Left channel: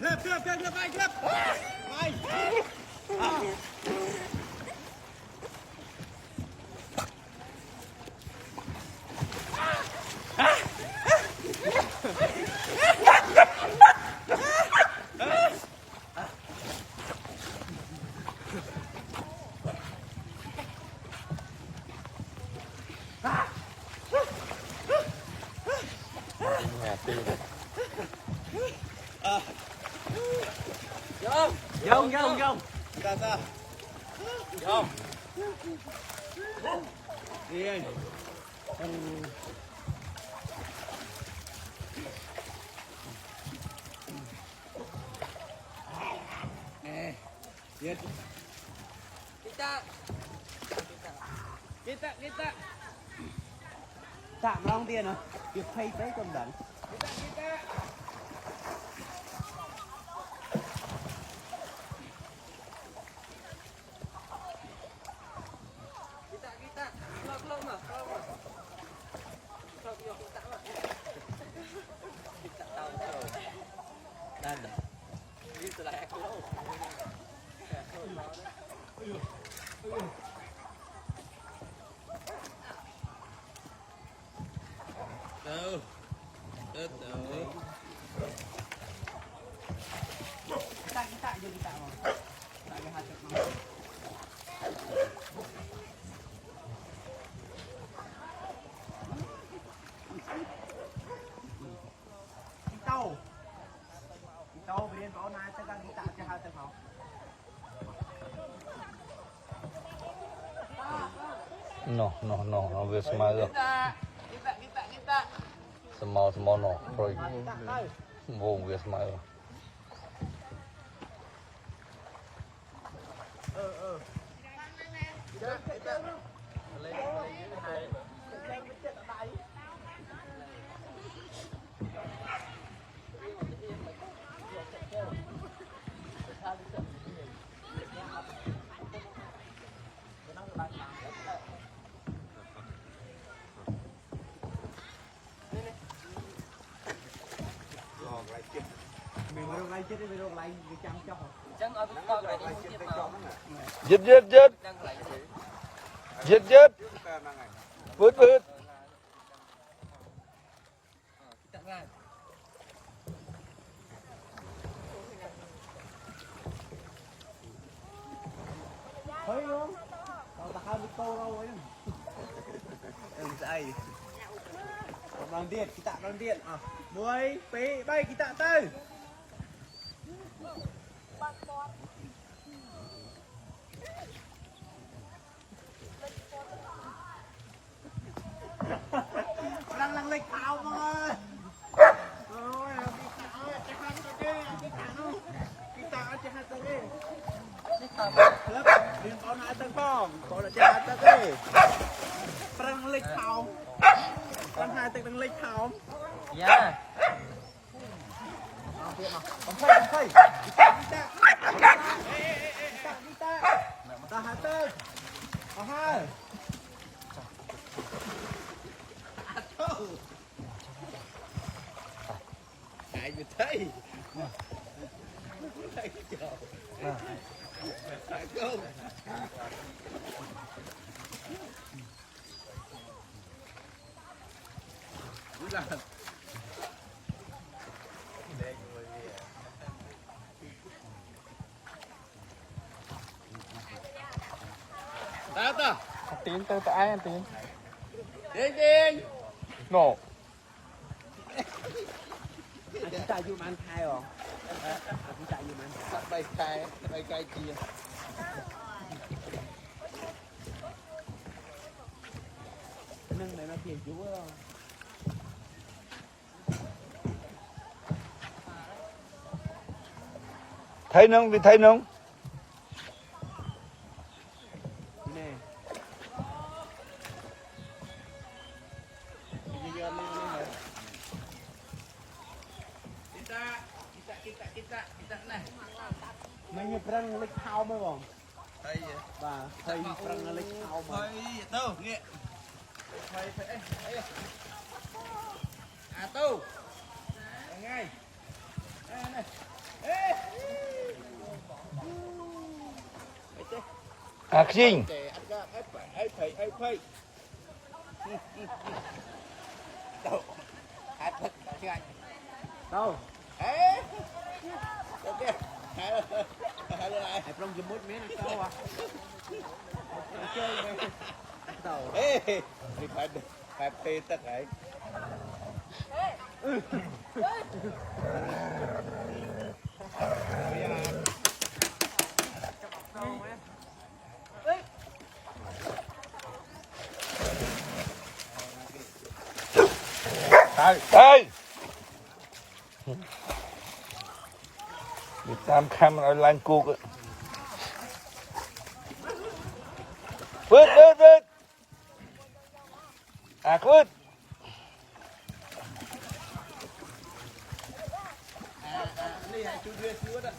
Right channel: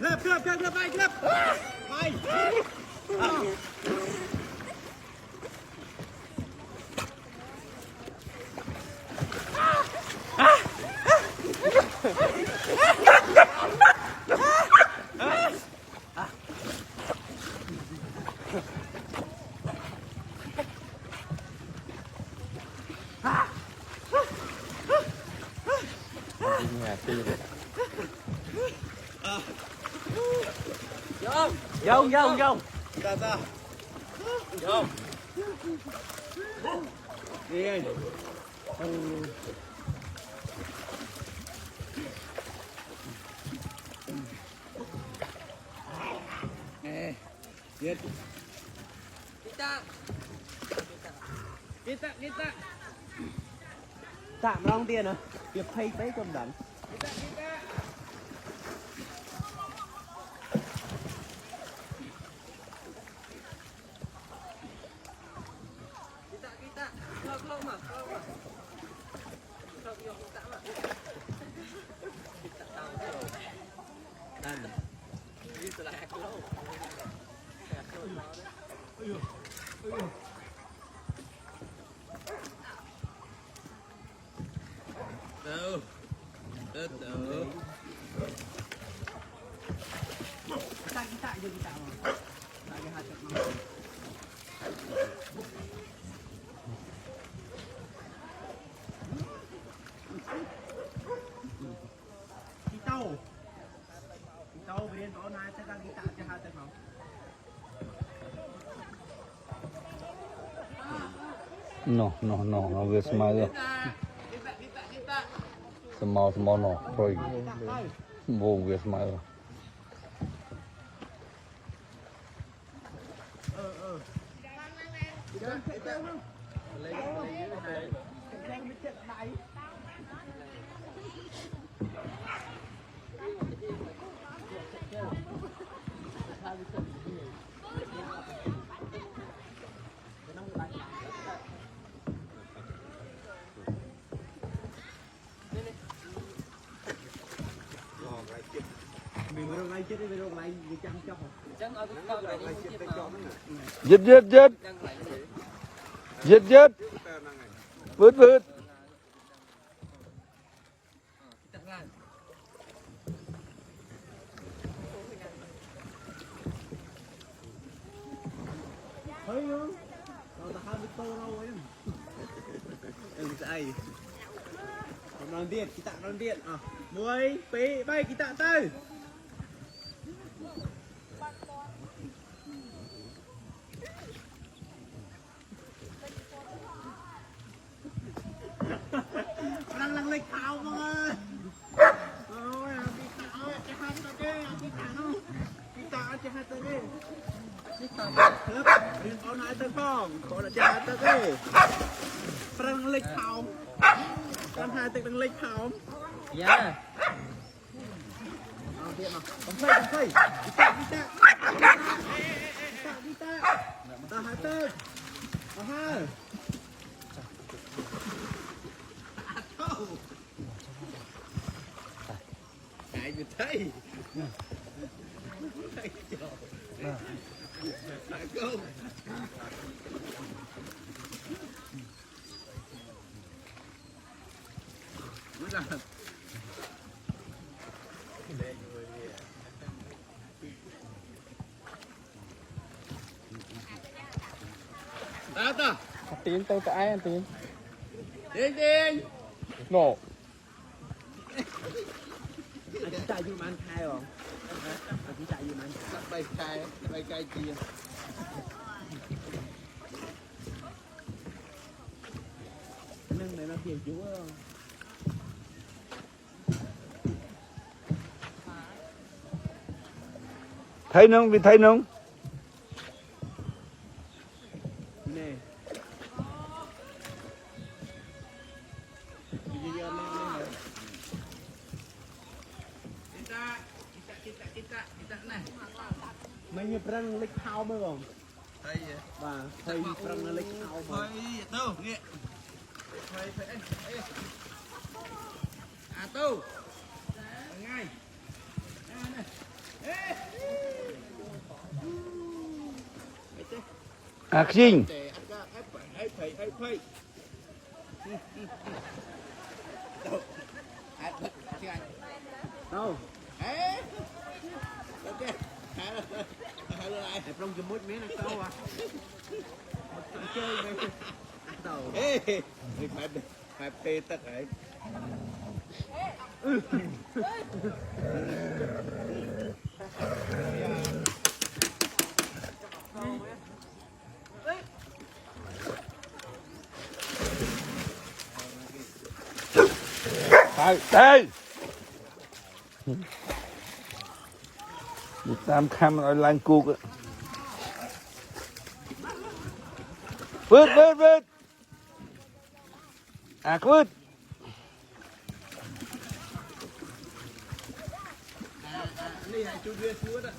Klep, klep. Bay. Dông. Sao? Dông. Đi. Nè. Biết. Kita. Tạm long tiền à? Việc phay vé cầm đẳng. Kita. Keluar mah. Sok yo kita mah. Kita tahu kalau. Dan ini telah aku tahu. Ya, ayo. Đâu. Kita je kita mah. Tak ada hati mah. Tao về đến có hai tay đi tạ cho hai tay không? No, we smile. Kita. Small, no, rồi. Vô we smile. Mình lại chết đi, mình lại đi chăm chóc. Chẳng ở cái con này đi tiếp nào. Giật. Vứt. Thấy không? Ta 20 tô đâu ấy. Em sẽ còn đang điện, kita đang điện à. 10, 2, 3 kita tới. Đang lấy tháo mọi người. Rồi, đi tháo ơi, chạy hai tay đi, đi tháo. Kita chạy hai tay đi. Lớp, đi con hai tay phong, con là chạy hai tay đi. Đang lấy tháo. Con hai tay đang lấy tháo. Dạ. Điện nào. Không phây. Kita. Ta hai tay. Hai. Ngại gì thấy. Thấy trời. Phải không? Tata. Tiếng tới cái ai tiếng. Điên. Ngộ. Anh chạy vô ăn khai không? Anh chạy vô ăn khai. Bay khai chia. Nâng này nó phiền chú không? Thấy nông. Nè. Kita này. Mình như prang lịch thao mới không? Thấy vậy? Và thầy prang lịch thao mà. Thấy đâu, nghe. Thầy phải. À tu. Ngay. Này. à khinh để ăn ra ấy phây đâu ăn phây anh đâu ấy ok hai lần này trong chùm mút miếng là sâu à một chơi này đầu ê phải phê tất ấy đây đi tam khăm ở làng cuốc vứt à vứt này hai chú đưa xíu đó